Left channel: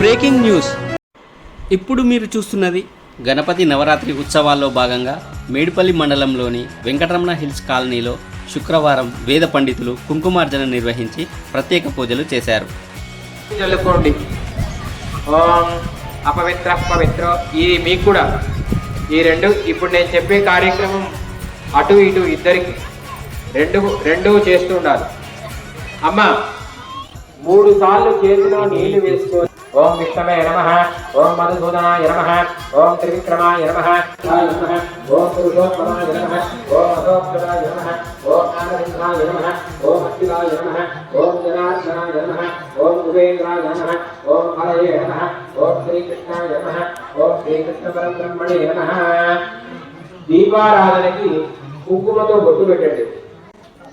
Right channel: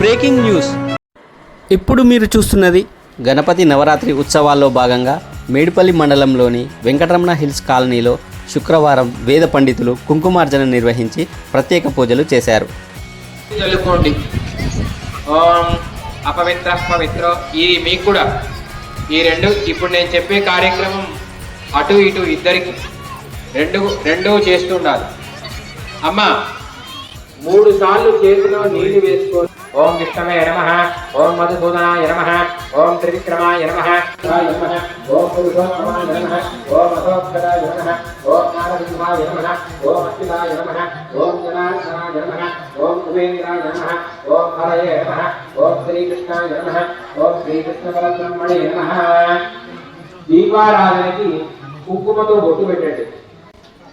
Breaking news. ఇప్పుడు మీరు చూస్తున్నది గణపతి నవరాత్రి ఉత్సవాల్లో భాగంగా మేడిపల్లి మండలంలోని వెంకటరమణ హిల్స్ కాలనీలో శుక్రవారం వేద పండితులు కుంకుమార్జన నిర్వహించి ప్రత్యేక పూజలు చేశారు. చల్లుకోండి ఓం అపవిత్ర పవిత్ర. ఇది మీకు కూడా. ఈ రెండు ఇప్పుడు నేను చెప్పే కార్యక్రమం అటు ఇటు ఇద్దరికి రెండు రెండు చేస్తుండాలి అమ్మ మూడు సార్లు చేతిలో నీళ్ళు వేసుకొని ఓం విష్ణవే నమ ఓం మధుసూదనాయ నమ ఓం త్రివిక్రమాయ నమ ఓం పురుషోత్తమాయ నమ ఓం అశోక్తరాయ నమ ఓం నారసింహాయ నమ ఓం అశ్వినాయ నమ ఓం జనార్దనాయ నమ ఓం కుబేంద్రాయ నమ ఓం హరయే నమ ఓం శ్రీకృష్ణాయ నమ ఓం శ్రీకృష్ణ పరబ్రహ్మణే నమ దీపారాధనకి కుంకుమతో బొట్టు పెట్టండి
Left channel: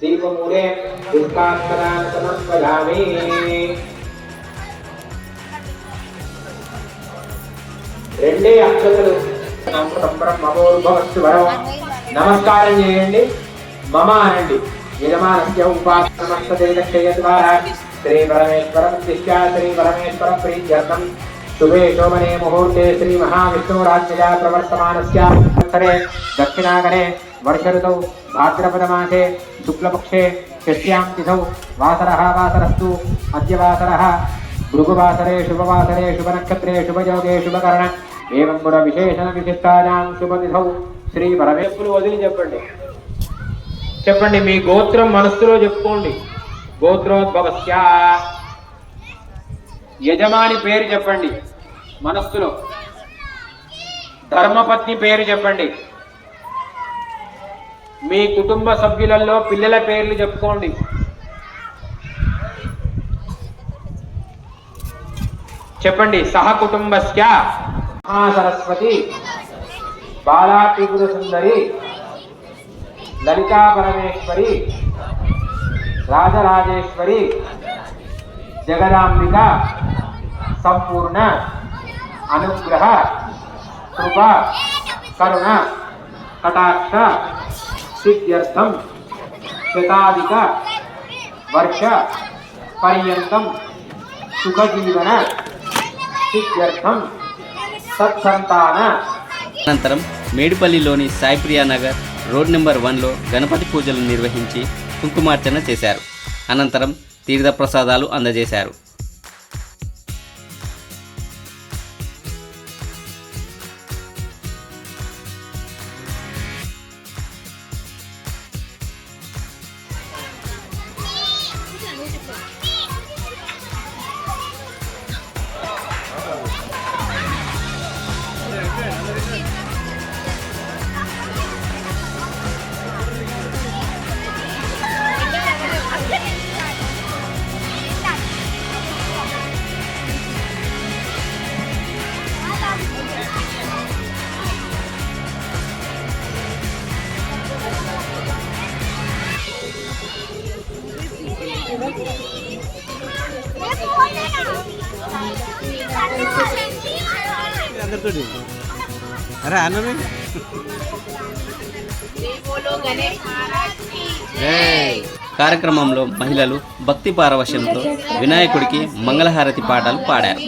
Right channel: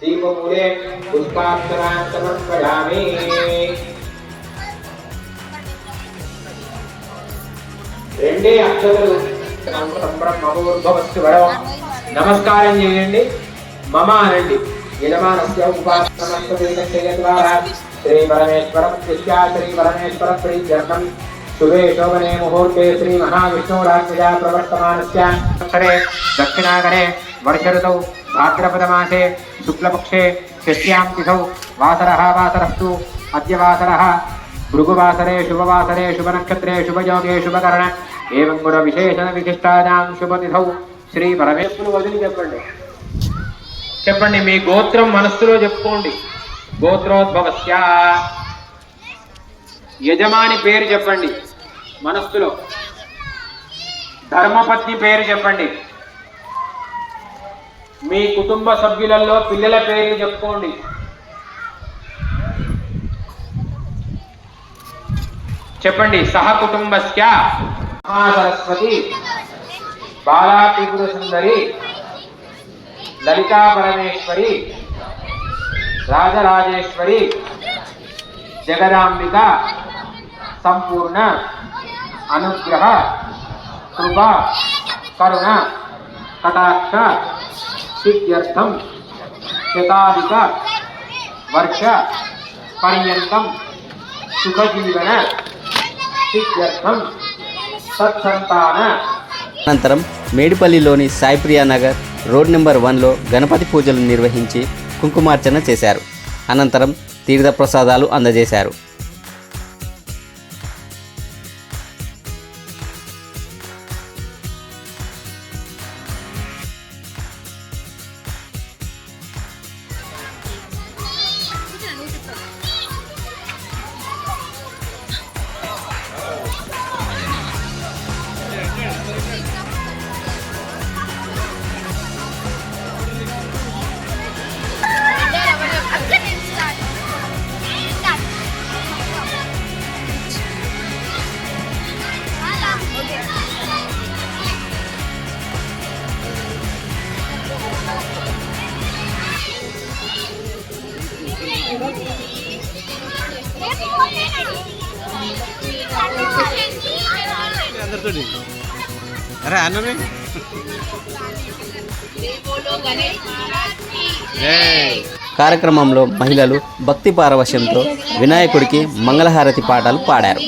దీపమూలే పుష్పాక్షరాన్ని సమర్పయామి ఇదే అక్షరాలు బ్రహ్మోద్భవస్తు వరం. నమస్కారం చేయండి. మమ అనండి. యజమానస్య ఉపాసనమస్తేజయ ద్వారా శ్రీ పరమేశ్వర ప్రతిష్ఠా శ్రీ పరమేశ్వర ప్రీత్యర్థం శుభే శోభనే ముహూర్తే శ్రీ మహావిష్ణురాజ్ఞయా ప్రవర్తమానస్య. సంవత్సరే దక్షిణాగరే వర్ష ఋతౌ భాద్రపదమాసే శుక్లపక్షే షష్ట్యాం తిథౌ వాసరः వాసరస్తు అద్య వాసరः భృగువాసరే శుభవాసరే శుభనక్షత్రే శుభయోగే శుభకరణ. ఏవం కూడా విశేషణ విశిష్టానాం శుభనిధౌ శ్రీ పరమేశ్వరు వదిలి చెప్పండి। చెప్పండి మీ గోత్రం మనస్సులో చెప్పుకోండి. గోత్రోద్భవస్య. యజమాని పేరు చెప్పండి మనస్సులో. ధర్మపత్ని పేరు చెప్పండి. మీ కుటుంబ సభ్యులలో పిల్లల పేర్లు చెప్పుకోండి. చెప్పండి సహ కుటుంబస్య. మహాసరస్వతి బాలా త్రిపుర సుందరి లలితా పరమేశ్వరి రాజరాజేశ్వరి జగదాంబిక సంపూర్ణ అనుగ్రహ కృప కరుణ కటాక్ష సిద్ధ్యర్థం శతాధిక వర్ష పర్యంతం సుఖజీవన సిద్ధ్యర్థం సత్సంతాన. అనంతరం మేడిపల్లిలోని సాయిప్రియా నగర్ రోడ్ నెంబర్ వన్లో గణపతి పూజలు నిర్వహించి కుంకుమార్చన చేశారు. అనంతరం తీర్థప్రసాదాలు అందజేశారు. बोलो गणेश महाराज की కార్యక్రమంలో మహిళలు భక్తి పారవశ్యంతో వినాయకుడికి మంగళహారతి పాటలు పాడారు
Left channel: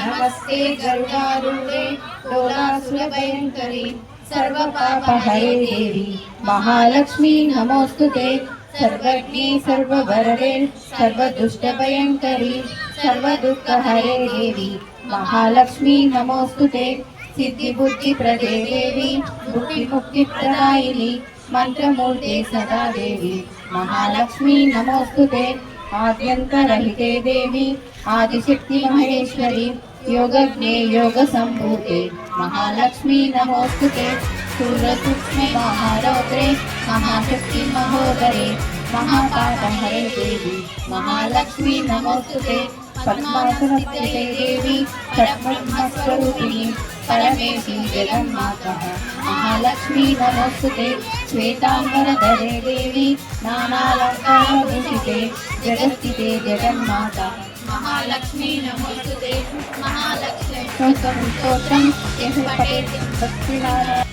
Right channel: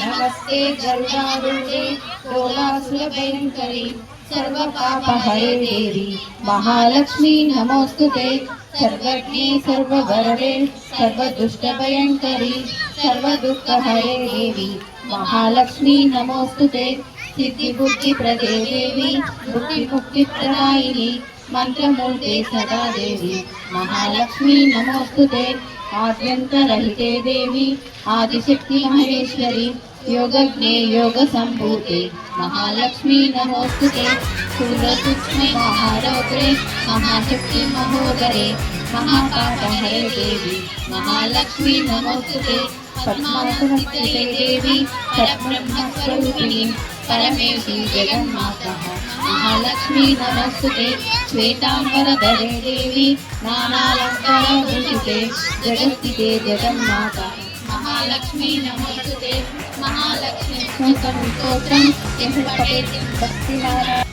नमस्ते गरुडारूढे दोलासुरभयङ्करी सर्वपापहरे देवी महालक्ष्मी नमोऽस्तु ते सर्वज्ञे सर्ववरदे सर्वदुष्टभयङ्करी सर्वदुःखहरे देवी महालक्ष्मी नमोऽस्तु ते सिद्धिबुद्धिप्रदे देवी बुद्धिमुक्तिप्रदायिनी मन्त्रमूर्ते सदा देवी महालक्ष्मी नमोऽस्तु ते आद्यन्तरहिते देवी आदिशक्ति महेश्वरी योगज्ञे योगसम्भूते महालक्ष्मी नमोऽस्तु ते सूर्यसूक्ष्मे महारौद्रे महाशक्ति महोदरे महापापहरे देवी महालक्ष्मी नमोऽस्तु ते पद्मासनस्थिते देवी परब्रह्मस्वरूपिणी, परमेशी जगन्मातः महालक्ष्मी नमोऽस्तु ते श्वेताम्बरधरे देवी नानालङ्कारभूषिते जगत्स्थिते जगन्माता महालक्ष्मी नमोऽस्तु ते महालक्ष्मी स्तोत्रं यः पठेत्, भक्तिनारायण।